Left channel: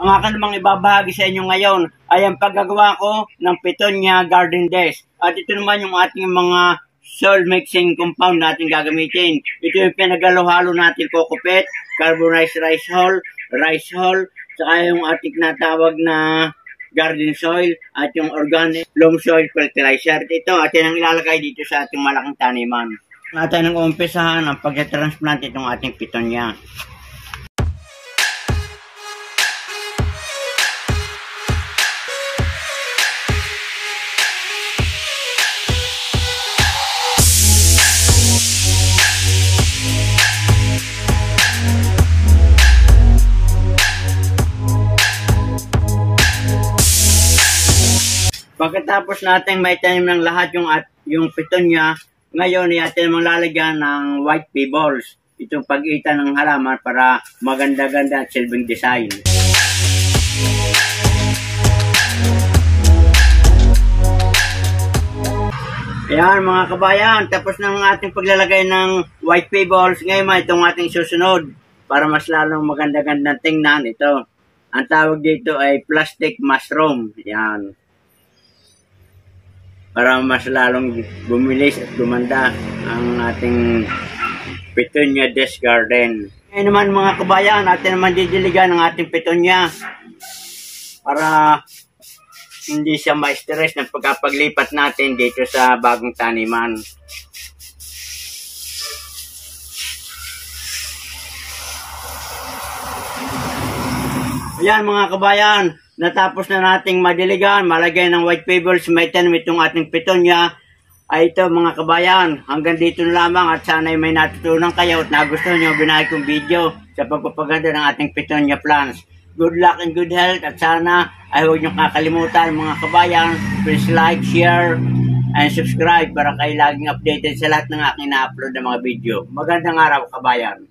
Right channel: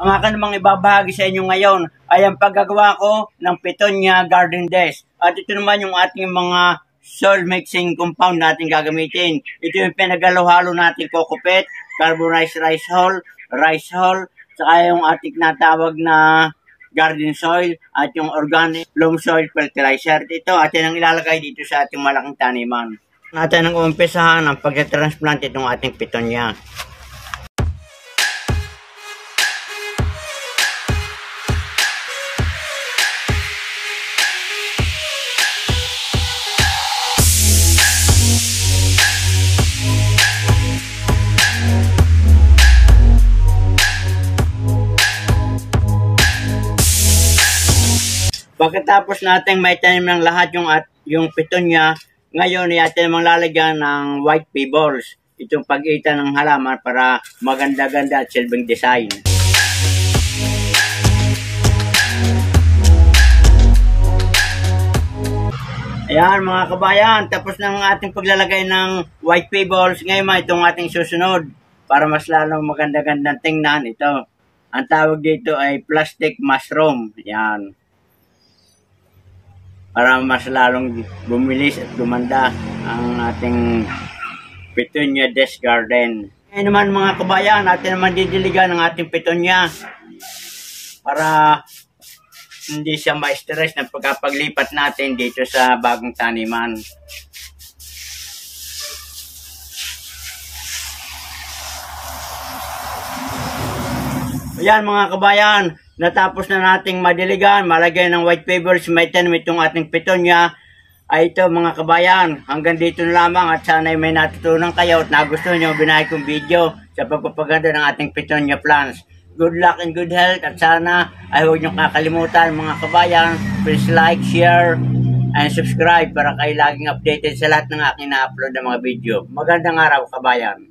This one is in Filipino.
Ang akin namang ibabahagi sa inyo ngayon ay ang paggagawa ko ng Petunia Garden Desk. At ito naman yung ating mga soil mixing compound natin gagamitin. Ito yung pinagalo-halo natin kokopet, carbonized rice hull, saka yung ating natawag na garden soil at yung organic loam soil fertilizer. Ito atin ang ilalagay dito sa ating malaking taniman. Natin ang umpisahan ang pag-transplant itong ating Petunia. Pagkatapos natin may tanim ng lahat yung Petunia, ngayon natin namang lalagyan ng white pebbles. Itong pag-itan ng halaman para maganda-ganda at silbing design. Ayan mga kabayan, tapos na ang ating paglalagay ng white pebbles. Ngayon itong ating susunod para mas lalong maganda-gandang tingnan. Ito, ang tawag dito ay plastic mushroom. Ayan. Para mas lalong bumilis at gumanda ang ating Petunia Desk Garden. Ngayon naman mga kabayan, natin naman didiligan ang ating Petunia para hindi siya ma-stress ng pagkapaglipat natin dito sa bagong taniman. Ayan mga kabayan, natapos na nating madiligan, malagyan ng white pebbles, may tanim itong ating Petunia. Ay ito mga kabayan, hanggang dito na lamang at sana'y may natutunan kayo at nagustuhan nyo ang binahay kong video sa pagpapaganda ng ating Petunia plants. Good luck and good health at sana ay huwag nyo kakalimutan mga kabayan, please like, share, and subscribe para kayo laging updated sa lahat ng aking na-upload na mga video. Magandang araw kabayan!